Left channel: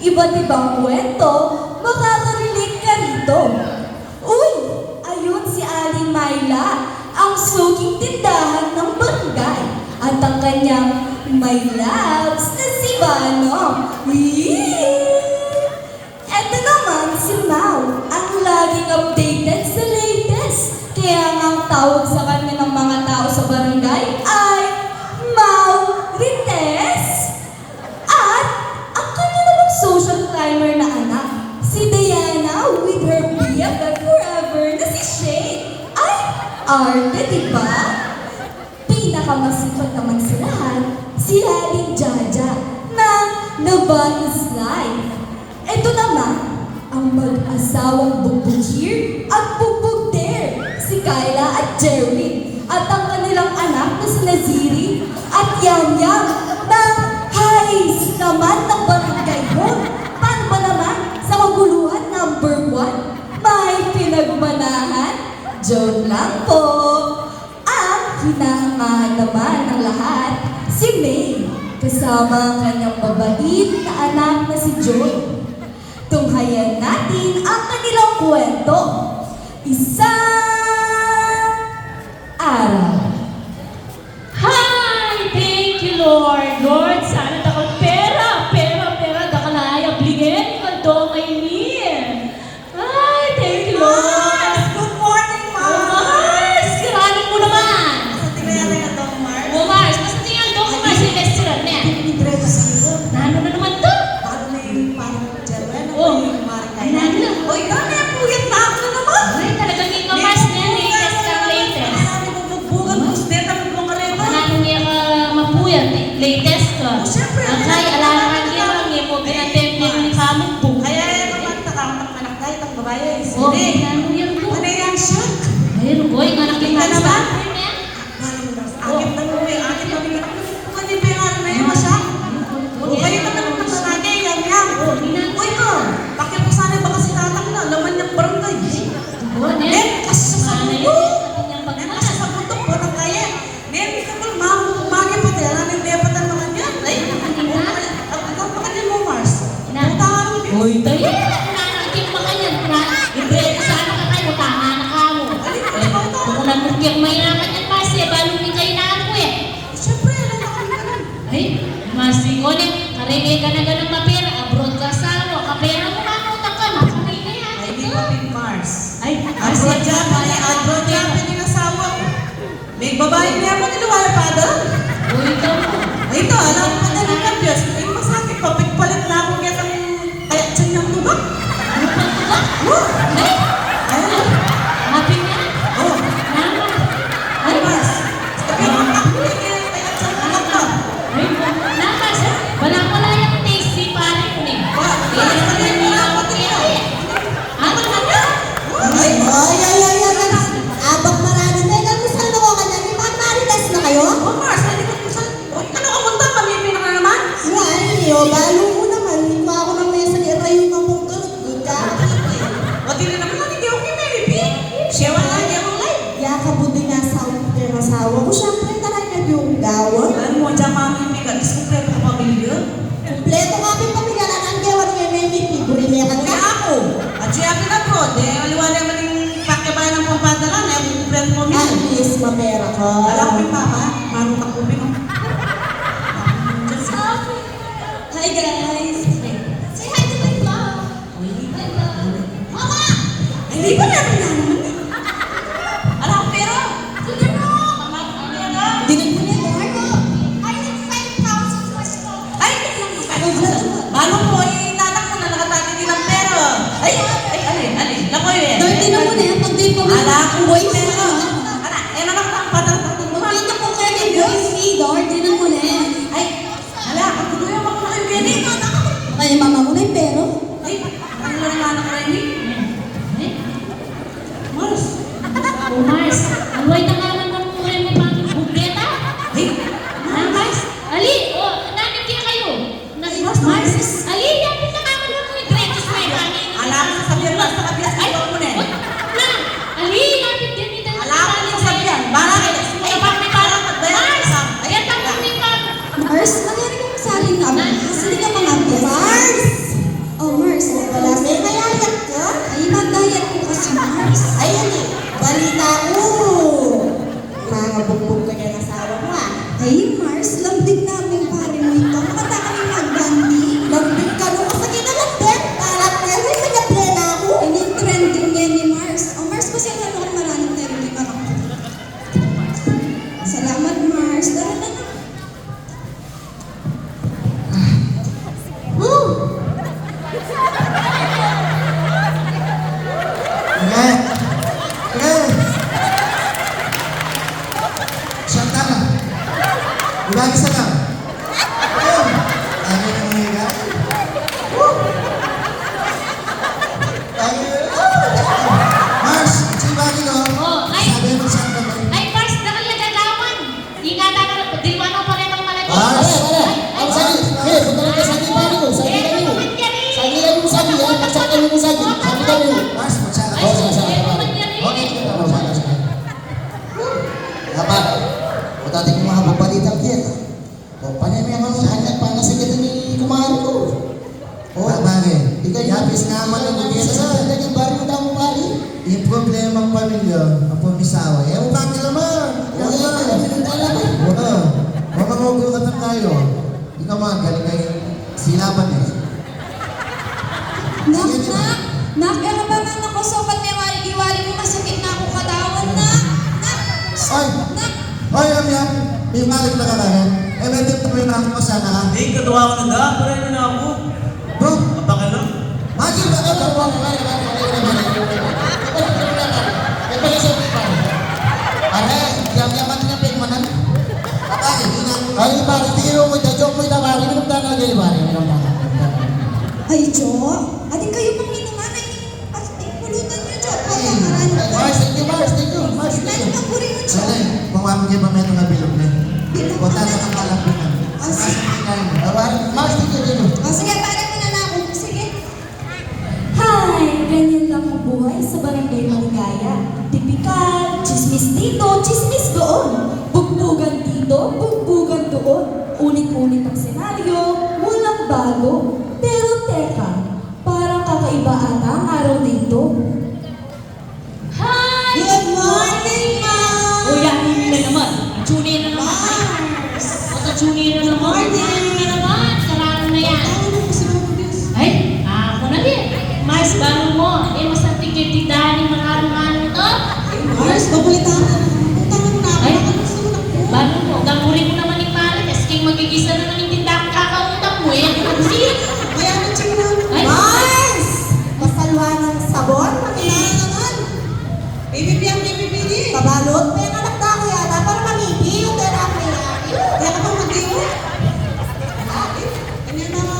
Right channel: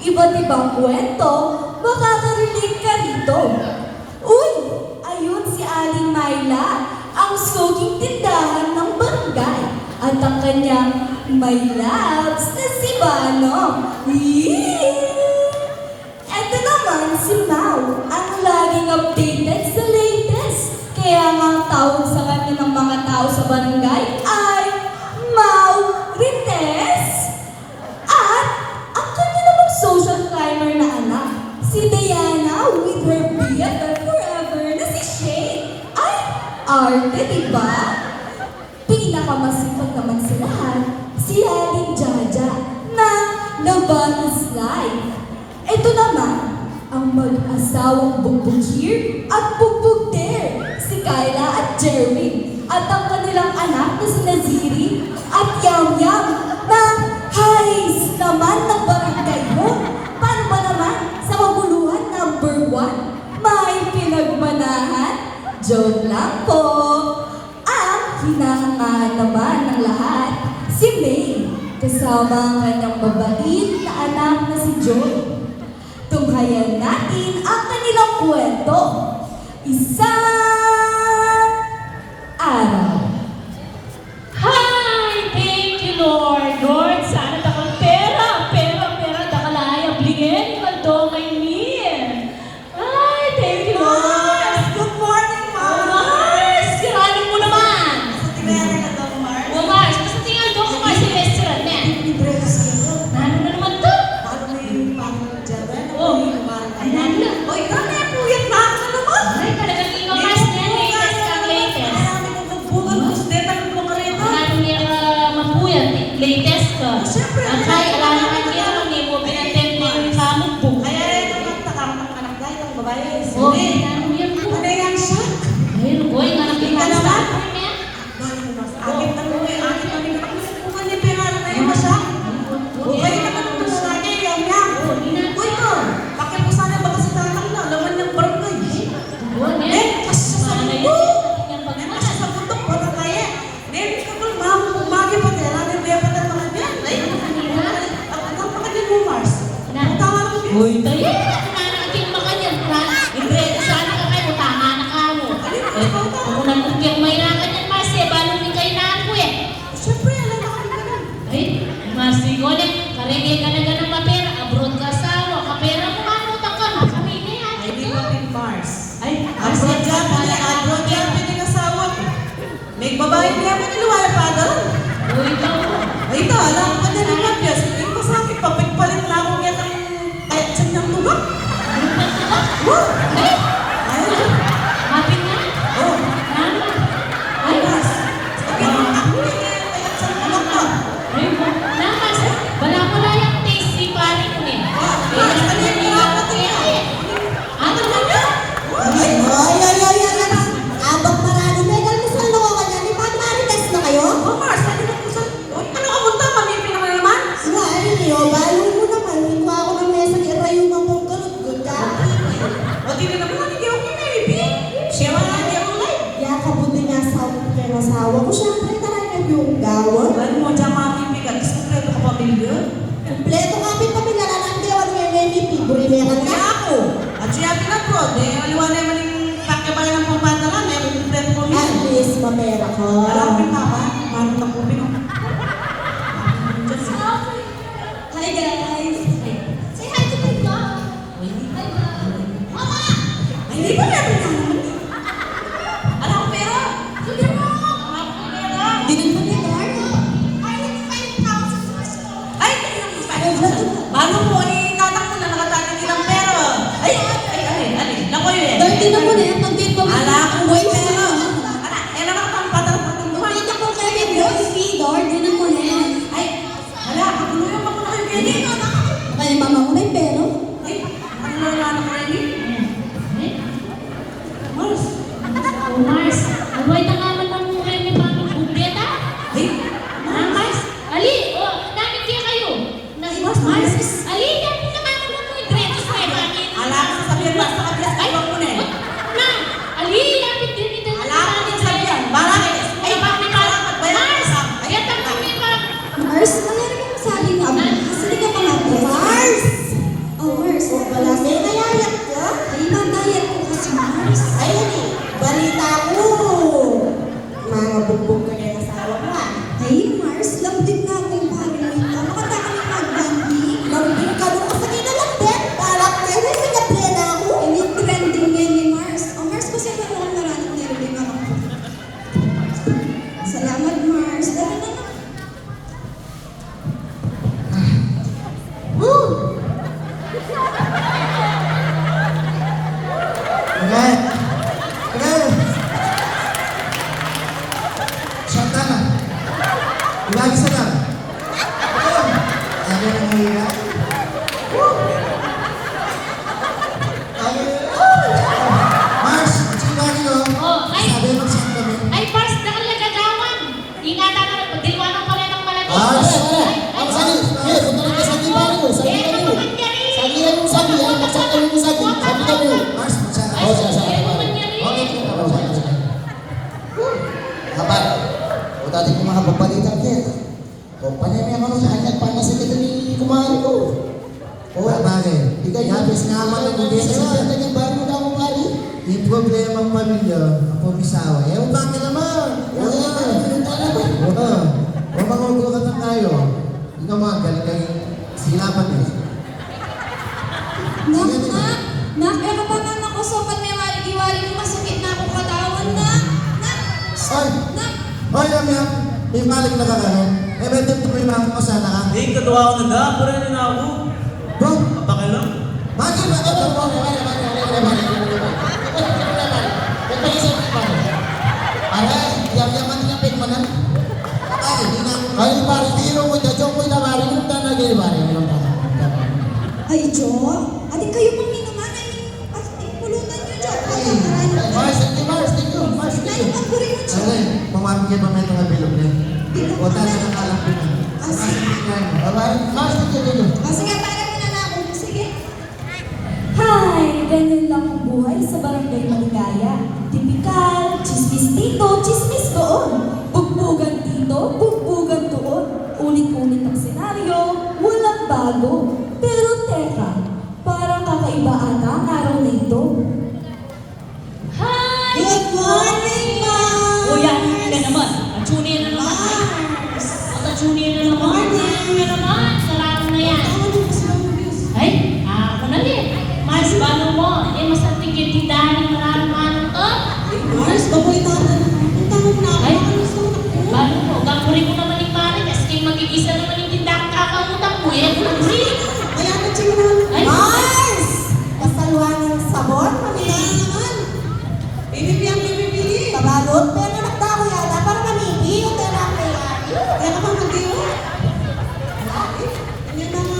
Iba't ibang kwento, makaka-relate ka rito. Uy! Ayun si Aling Myla, ang suging tindahan ng barangay. At ang kanyang my loves na si Vano. Ito naman si Mau, ang laging updated sa latest. Kaya nga ang tawag sa kanya ng mga tao sa barangay ay Mau Rites. At ang kanya namang social climber na anak, si Diana with her BFF forever na si Shay. Ay, arte, diba? Pinakamasipat naman sa lahat, si Aling Jaja na Love is Life. Ito naman, ang mag-asawang Bubugir at Bubugder, si Kyla at Jerwin, at ang kanilang anak na si Naziri at Yam-Yam na halis naman ng barangay mo. Paano ba naman sa maguluhan number 1? May pinagmanahan? Joke lang po. Ang hinahangaan naman ng lahat, si May, kasama ang kanyang mabait na anak na si Joe. Tunghayan natin ang kanilang kwento. Isang araw. Hi! Thank you, Lord. Lord, sana daw pera, dakalaya, bligyan ko ito kay Nin. Hi, thank you, Lord. Good morning, Ma'am! Mars, kiranin mo naman. Tingnan na daw, Mars. O, Mars, basta tingnan ko kung Mars yung restaurant niya. Libre ko sa'yo. Nano na naman to? At may parang Jerwin. Oh, ay, nano na. O, ikaw na yung puyat na ako na naman. Ay, talagang ikaw, Mars, na latest ang latest. Marami kong nagbulan. Gusto din ako mga rin. Ano niya mapuyat, latest ka. Siyempre. At ay, alala ka niya lang, may po pinatend mo yung kamot po. Kaya naman, takang anak dahil ang buhay ay Oh, sili. ano yan po? Ano yan siya? Ayun, boy, nga nakita Ano sa ba? akin yan. Bakit mo lang? Akin na buhay. Akin na buhay. Kung ano yung pingalan na yung masya? Buhay na naman naman sa akin. Yam-yam. Uy, mo. Bakit mo sana baka si tatang na? Laman ng barangay. Nen, Sana yun. yun. Tingnan pag Nen, kasi pagkutok po na kaya. Nen, kapag mamumagi pa din. Alam yung dapat ang mga dyan. Ay, kanina. ang mga mo, Mars. Na. Tama mo, Bill. Uy, tayo. Nananating mo kanyan. Ibreda sana ka kayo. Tama na ka mo. Kung nagkumpiyang mahirapan yan kasi, balo ni kayo na ako eh. Siyempre, alam na kami ka nun. Ay, masigonin. Karigay ka na ganang kapera. Abroad ka sa ako. Kapera mo na ako. Taka na. Kamay na yan. Ay, di pa din, Mars. Ay, Ang sadya pa niya, ang sadya pa niya asawa ko. May babae niya mo niluwala pa doon. uy, ikaw. Ito, alam ko na din ang Diyos. Ay, masakit pa. Pagpalit na ako yan ang kaya siya ng tuba. Hanapin niya. Ay, Mars. Sabi mo, ako yan yan ang kaya siya ng tuba. Ay, nakas. Wala ko na yung taste si pare ko eh. Mars, sabi mo nga ako din yan. Ako na na. Ay, abang marami na lang sa looban namin. Mag-marites na kayo? Oh, Mars, hindi ko siya. Uy, ano ka punta? Kami pinaka naman. Ay, lalo mo naman. Hindi ako ng mesa niya tayo mapagkalot. Good ka. O, di na naman lang, hindi ako kay Mary B. Siya wala niya ako like. Kaya kabuti niya sa asawa ko. Siyempre, talaga yung gawon. Alam mo, dyan kami bigat. Iskumpleto ka pamilya. Kompleto nga din kami nalaan. Kaya wala niya may figure meron Kaya na. ako. At siya pinapod. Eh, aliwa naman yung pakibayan ng pampadala na yung kumpleto mo At least, mamera ko. Alam ko yung tama. Marunong na kubing. Hi guys! Say hi to my vlog! Hi vlog! Mama! Hindi ba namin naman? Alam pero! Sige bro! Dinagdag niya ko Marco! I have 5,000 pesos! Ay, balo mo eh, nanak mo na nakatagin din ng pera. Ay, alin. Lako yun. Dirty na muna yan, pag-date pa muna. Ala, kung Wait wait na na lang. Yan naman ang patatang mo. Makita ko kayo ni Boss Idor, di na muna yan. Ay, ala, ako na yung mga kayo. Dito na! Kaya mama mo na yung pero. Ay, ano na yung anak na yun? Mars. Mars, ang white ang alam mo mo rin ni Papa Buketa? Ay, Mars, ali, namin din kayo. Mars, ali, yan po na naman mo yung dreadlocks na yun. ala, sabihan ba? Sabihan sa iba mo na eh. Na, ali, yan din din din. Ala, ako din sabihan. Bakit? Ay, bakit ka naman? Mars, ayan ang kami pa. Mars, nangyari ka sa akin na. Kasi ka mga Mars! mag-isa sa naging baryo na akong lali. Yung problema ng pamilya, ang pamisawa. Eh, ang bakit naman? Yung mga kailangan talaga. Wala. Huwag mga ugukatan tayo. Ikaw mga galing kayo. Silapan eh. Nak, meron pa nga ako sobat may waring-iwaring mo masakit na akong katawan na. Ay! Ay, Amya! May malik na karahin. Eh, may tip tuloy na ako masana. Hindi, katuwa ko na daan. Pero hindi na ako. Bro! Baka lang. Magi ba ito? Ay, parang tiro ko dyan. Diyan ko inawari. Yung tanong yung inawari. Ay, Jo, ating kayo pang minuman ay pulutan nyo, Jo. Mars, thank you, Mars. Thank you. Mars, thank you. Ang puri mo, Jo. Sale, kung kayo pa may itong bilog na. O talaga ng kalampunan. Mars, thank you, thank you. O sige, parang nila na ako. Sige. Hi! Ganyan lang ang buhay sa barangay Maligaya. Tipikal, chismis dito, chismis doon. Bugbugan dito, bugbugan doon. Ulit-ulit ang senaryo, walang bago. Pero teka, parang kakaiba ata ang araw na ito. Hi! Good morning, Ma'am! O yan, yun na naman. Junior na naman. Junior na naman. Junior na naman. Sarado na yan. Ay, ako na din. Mas bago mo. Eh, mas ang tigil-tidahan yung marami-marami to. Mars, babalitaan na. Ay, bago mo. Gamurin ko naman yung mali. Kasi kayo magigisa naman yung tindahan kakautang mo. Eh, kasi. Kaya na siya na. Ay, Mars! Masalwa ng sabon? Kailangan naman. Baby, ang baby. Kabalot, pero nagtao yata para mamipi o tera ang Kaya ka ba mag-iwi? Kanya na nga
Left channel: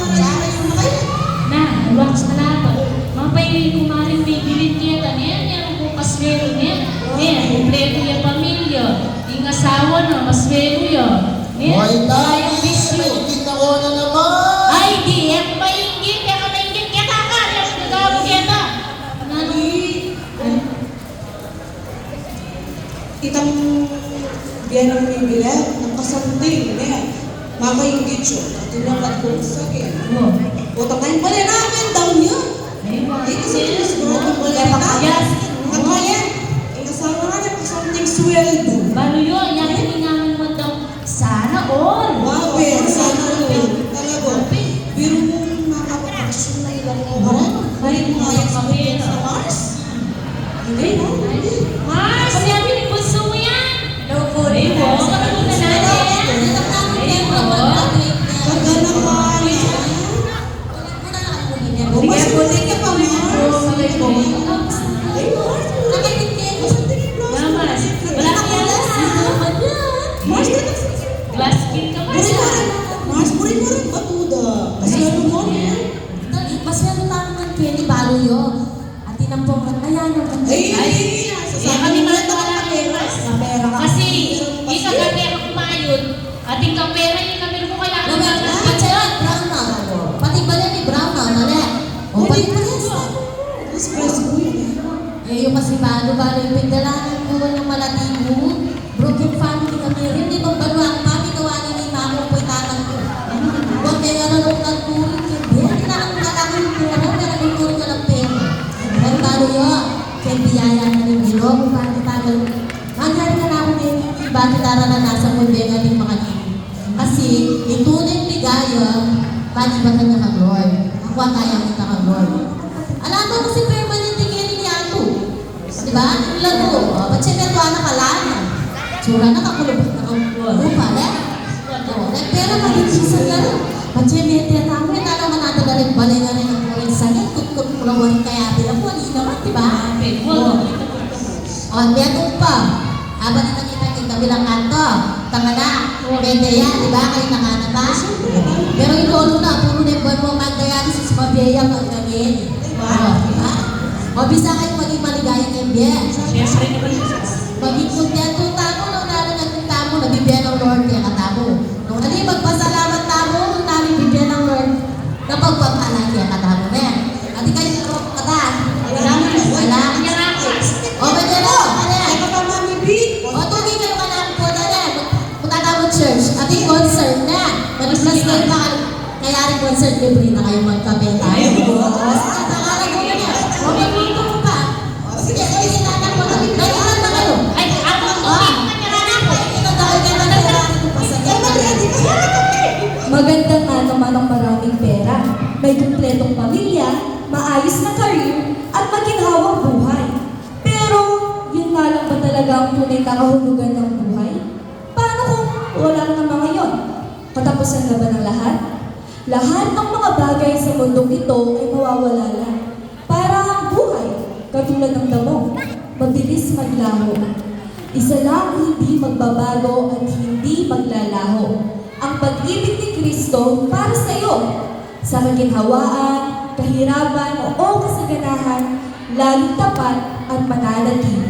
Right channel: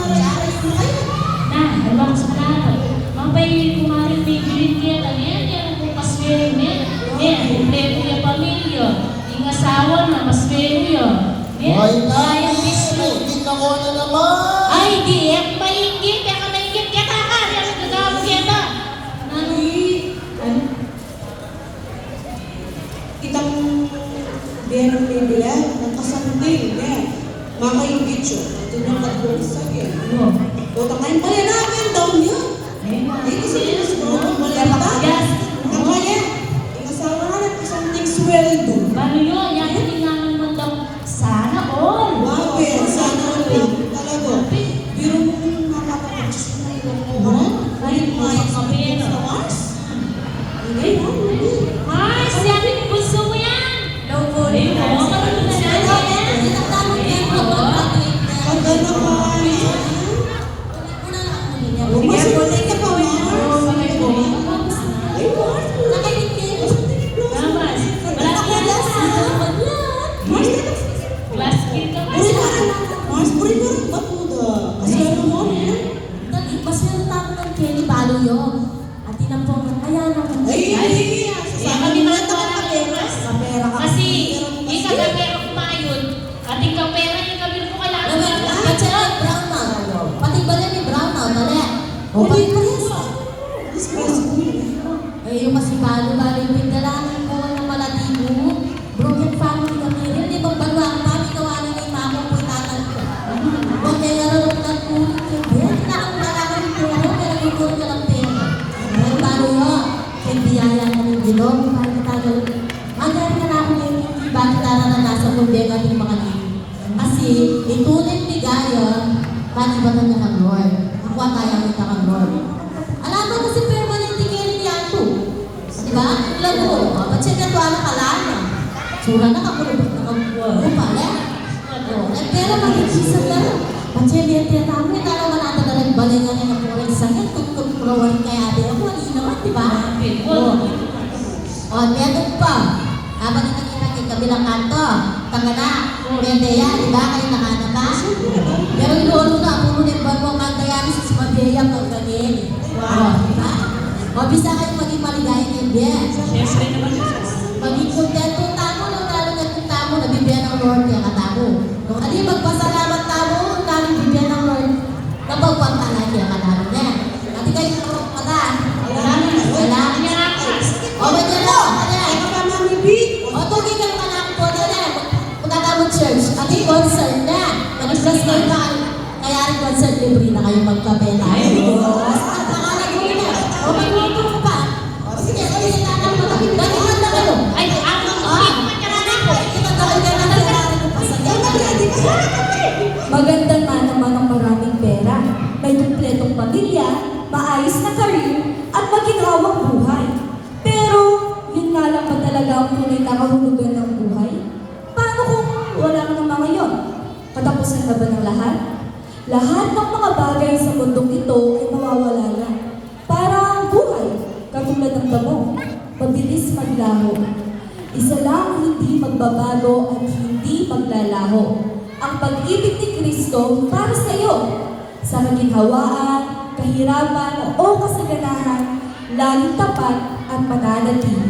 yung mga kayo. na, nabangs na nato. Mapailin ko nga rin bigilin kita niya. Yan ang bukas meron niya. Yan, kompleto yung pamilya. Yung asawa na, mas meron yun. Yan, Buhay na! yung bisyo. Kita ko na naman! Ay, di, ako maingit. Kaya ka maingit. Kaya kakari ako nagawag yan na. Nani? Itang biyan ng may bilang, nagkasamting, biyan. Mama yung gitso, tinapad ko sa akin. Ano? O, tamayin pala namin, down yun. Ayun, Hindi kasi ito siguro ng maganda. Yes. Ang kaya, ikasawa nga niya kasamting sweldo. Balo yun. Yan, hiningaman mo daw. Sana all. Wow, eh, sana natin. Talaga, biro mong makakapasyon na ilang oras. Right, mga sa Mars. Okay, Mars, yan yung gusto mo yan. Loko rin mo. Ano na natin? Loko. ang ganda ka. Mas bulit ka pa, Mars. Ay, Mars, nakikinig ko sa tingin. Namas. Wala ka yan. Mars, Glass skin ka ba siya? Mars, puri mo rin batuda. Kasi ano mo, Mas meron na ako ng Kenny Balo yun. At tinampong ka, ayan naman. ay, Kami na ito wala kayo, Mas. Mapera ka. Kasi, isa ka pera kumayod, ating kapera yung kamil ko kailangan Brown na. Pati bala ni Brown na, bala. O, balik ka rin sa. espresso ko yun. Eh, yung mas balo yung pindalanan ko ng malatigo. Broken family kami rin. Itong bagwang kami kawanin ni mama ko itatang ko. Okay, ano mo na po. Hindi na lang nalakon yung trono, pero yung trono ng pera. Pero balo yun. Kaya biyaya na ng gilong. Bakit tagal? Magaling na ako ng bakit naranasan mo yung ating mga nini. Kasi, itunin ligaya, bakit ba ka nakagawad? Ako ang kaya mo nakagawad. Alam mo kasi permanent tingin ni ako. Diba? Laro. Pacheck na ito anak kalana. Sura na kakulubot na kakulubot. Pala. Nagpera magiging sa laro. Pacheck may tiyatawag na talaga natagalit balingan na ng kuwing sakit. Tukot kulawarin kaya din ako. Malinaw na, diba? O, meron pa. Habang na nakita kayo kabilang kanto. Tama na. Pwede yan, diba? Kayo nakanapas. Pero yung lolo na, pumunit ba mo kanta yan sa Smabeya pag nagin. O, bisa kayo maging maligaya ng biyan. Siyempre naman yun. Maging kontento tamo na unang ng tamo na bibigyan ng Lord kaya katamo. Nung ali magpasalamat tamo, nung namin bibigyan ng Lord, napagpapalay kaya katamo na. At kayo kata. Wala. O, ba dyan o? Ay, baka mamibig. O, tugin ka naman ako po na rin. Punta ka mo church. At yung concert na. Mag-plus na pa. Kaya rin concert libre na kayo magkabela. Ay, Basta pangalan ko niya. may kumpletong pamilya, maayos na career, at maginhawang buhay. Pero, yun nga lang ba talaga ang tunay na kahulugan ng buhay? Paano kung wala ka naman ngayon? Katapusan na ba ng lahat? Lahat ng mga bagay sa mundong ito ay mawawala lang. Parang ang buhay, katulad ng damo, mabilis maglaho. Isa lang ang hindi magbabago at hindi maglalaho. Ang pag-ibig ni Kristo para sa iyo. Sa maginhawaan, kahirapan o kasaganahan, lalong tapat at mananatili.